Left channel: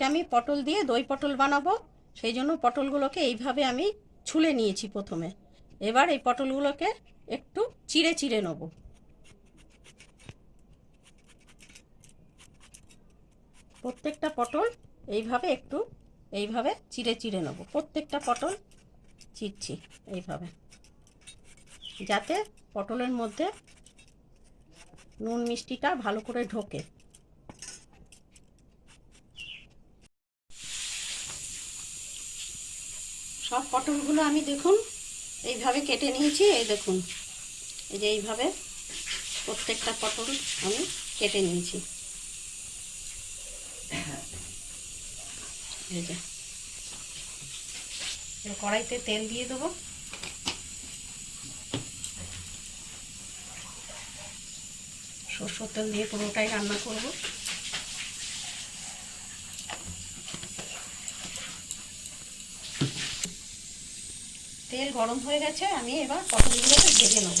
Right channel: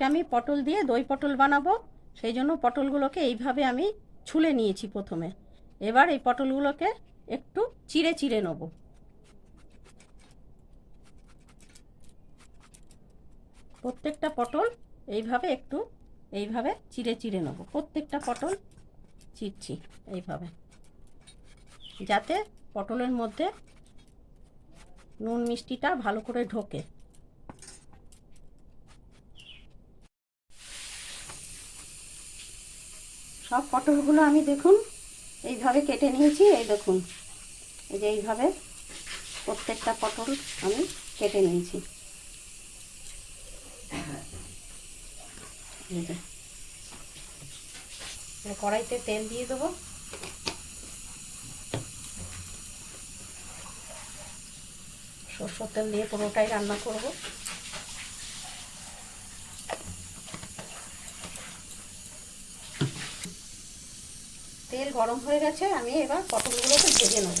আজকে আমি পটল দিয়ে দই পটল বানাবো, সেই জন্য পটলগুলোকে এইভাবে আমি ছুলে নিয়েছি প্রথমে। এবার এই পটলগুলোকে একটু চিড়ে চিড়ে নেব। প্রত্যেকটা পটল এইভাবে চিড়ে চিড়ে নেব। প্রত্যেকটা পটল চিড়ছি এইভাবে, যাতে পটলের মধ্যে নুন মিষ্টিটা ভালো করে ঢোকে। সব পটলগুলো আমি দেখুন এইভাবে কেটে নিয়েছি। এই দেখুন, এই যে এইভাবে প্রত্যেকটা পটল আমি কেটে নিয়েছি। এই যে কড়াইতে তেল দিয়ে দেবো। সরষের তেল দিয়ে পুরোটাই রান্না করব। তেল গরম হয়ে গেছে, আমি এবার পটলগুলোকে ভেজে নেব।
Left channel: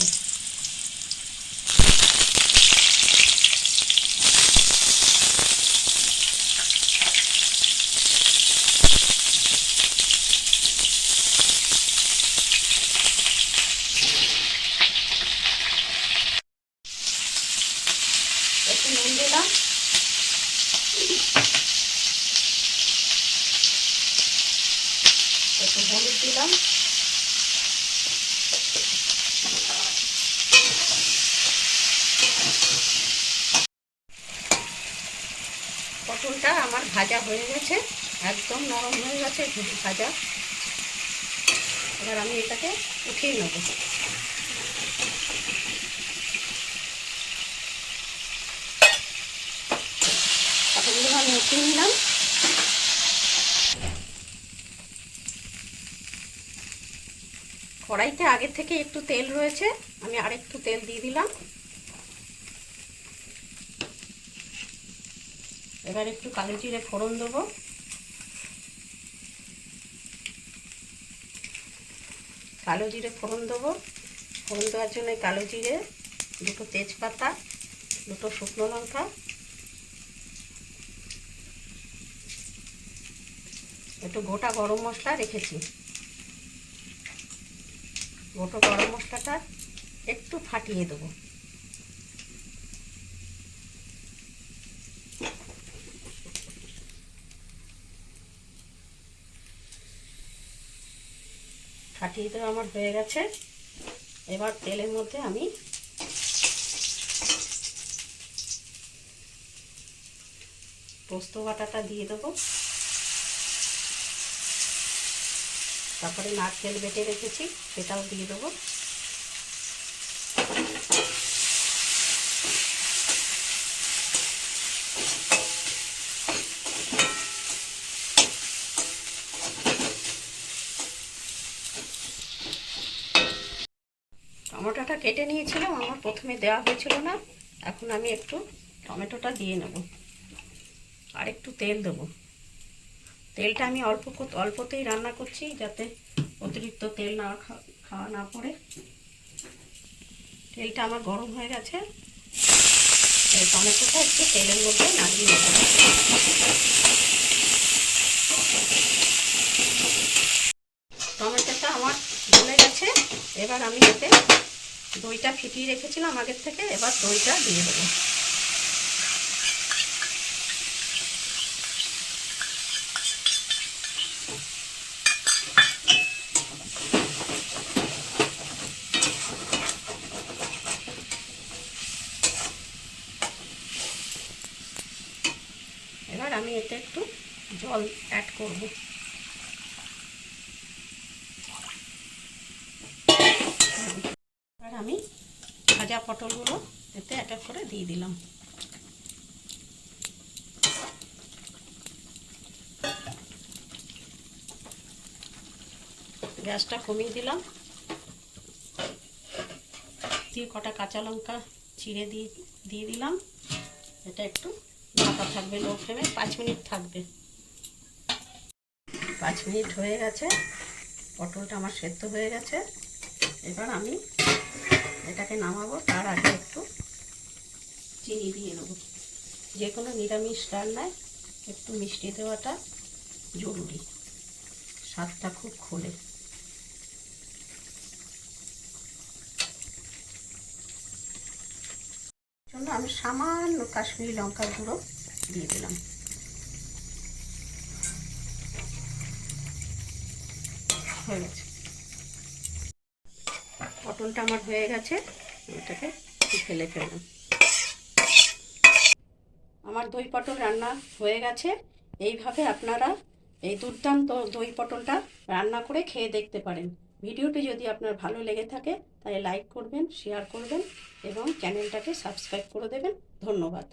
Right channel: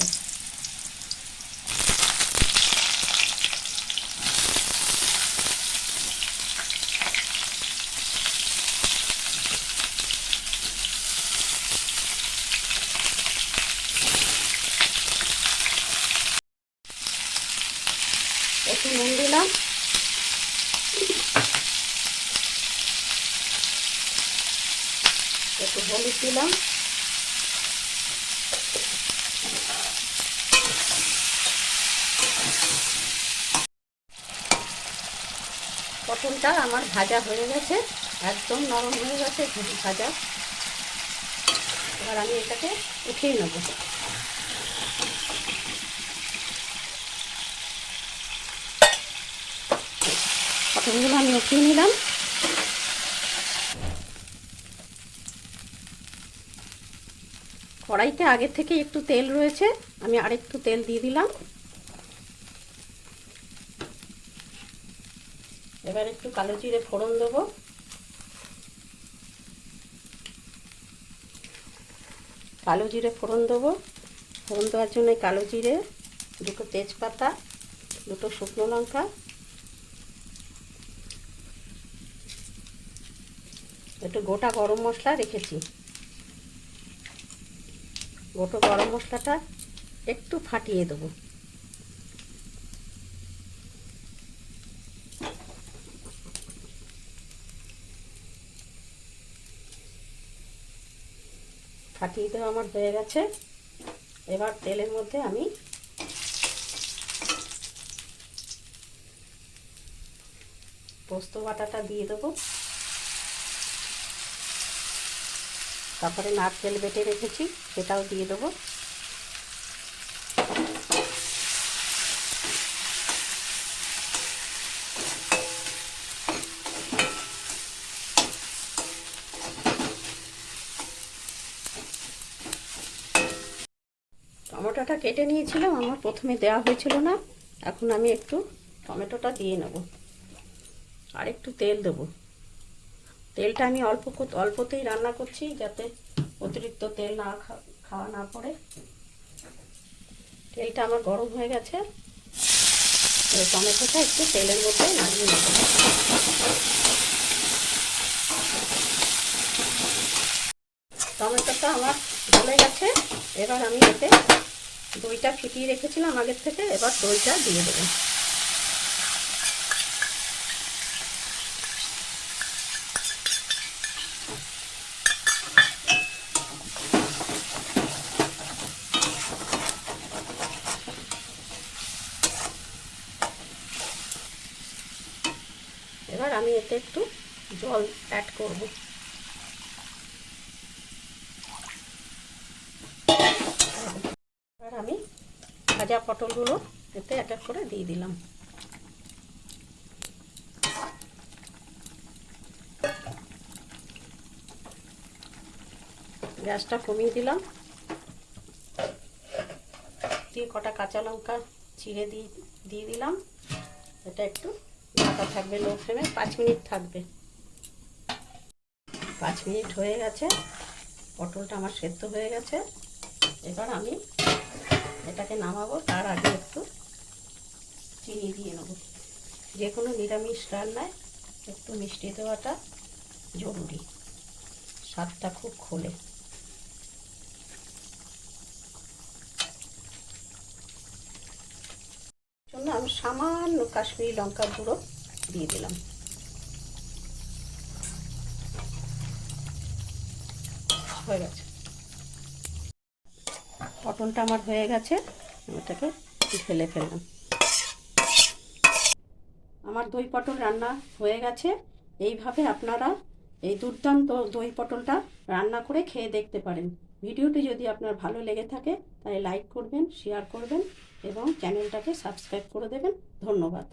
একটু নুন দিলাম, একটু হলুদ দিলাম, পটলটা আমার ভাজা হয়ে গেছে, একদম নরম হয়ে গেছে ভাজা। এবার আমি এটাকে উঠিয়ে নেব। পটলগুলো আমি উঠিয়ে নিলাম। কড়াইতে আগে থেকে একটু তেল রয়েছে, আমি আরেকটু তেল দিয়ে দিলাম। এবার একটু কালো জিরে ফোড়ন দেবো। কালো জিরে ফোড়ন দেবো। ফোড়ন দেওয়ার জন্য কালো জিরে, দুটো তেজপাতা, দুটো শুকনো লঙ্কা, একটু গোটা গরম মশলা রেখেছি। গোটা গরম মশলাটা একটু ফাটিয়ে দেবো। ফাটিয়ে দেওয়া আমার হয়ে গেছে। এবার তেলের মধ্যে আমি পোস্ত বাটাটা দিয়ে দেবো। তারপরে নারকেল বেটে রেখেছি, সেটাও দিয়ে দেবো। টমেটোটা কেটে নিয়েছিলাম, আমার প্রথমে দেওয়া হয়েছিল না। এখন আমি একটু টমেটোটা দিয়ে নেব, আর একটু তেল দেবো। তেলটা আমি অল্পতেই রান্না করছি, যাতে অতিরিক্ত তেল না খাওয়া না পড়ে। তেলটা আমার গরম হয়ে গেছে। টমেটোটা একটু তেলের মধ্যে নাড়িয়ে নেব। টমেটোটা আমার গলে গেছে। এবার আমি এতে দইটা ফিটিয়ে রেখেছিলাম আগের থেকে, এবার দইটা দিয়ে দেবো। এবার আমি এতে একটু জল অ্যাড করব। এবার আমি ভাজা পটলগুলো এতে এক এক করে দিয়ে দিলাম। গ্যাসটা কমিয়ে দিলাম। দিয়ে কটা কাঁচা লঙ্কা চিড়ে দিয়ে দিলাম। এটা একটু ঢাকা থাকবে লো ফ্লেমে, 5 মিনিট থাকবে। 5 মিনিট হয়ে গেছে, পটলটা আমার সেদ্ধ হয়ে গেছে। এবার আমি এটাকে নামাবো, তার আগে একটু চিনি দিয়ে নেব। যে কোনো নিরামিষ রান্নায় একটু মিষ্টি দেওয়াটা জরুরি, স্বাদটা খুব খোলে। জন্য আমি সামান্য কাশ্মীরি লঙ্কার গুঁড়ো দিয়ে দিলাম। হয়ে গেছে, পটলটা আমার হয়ে গেছে, এটাকে ফেলে ফেলবো। আমার দই পটল রান্না হয়ে গেছে। এইভাবে আপনারা এই দুর্দান্ত দই পটলটা রান্না করে খেয়ে দেখতে পারেন। ভিডিওটি যদি আপনার ভালো লেগে থাকে তাহলে লাইক করবেন, শেয়ার করবেন এবং চ্যানেলটাকে সাবস্ক্রাইব করে দেবেন। ধন্যবাদ।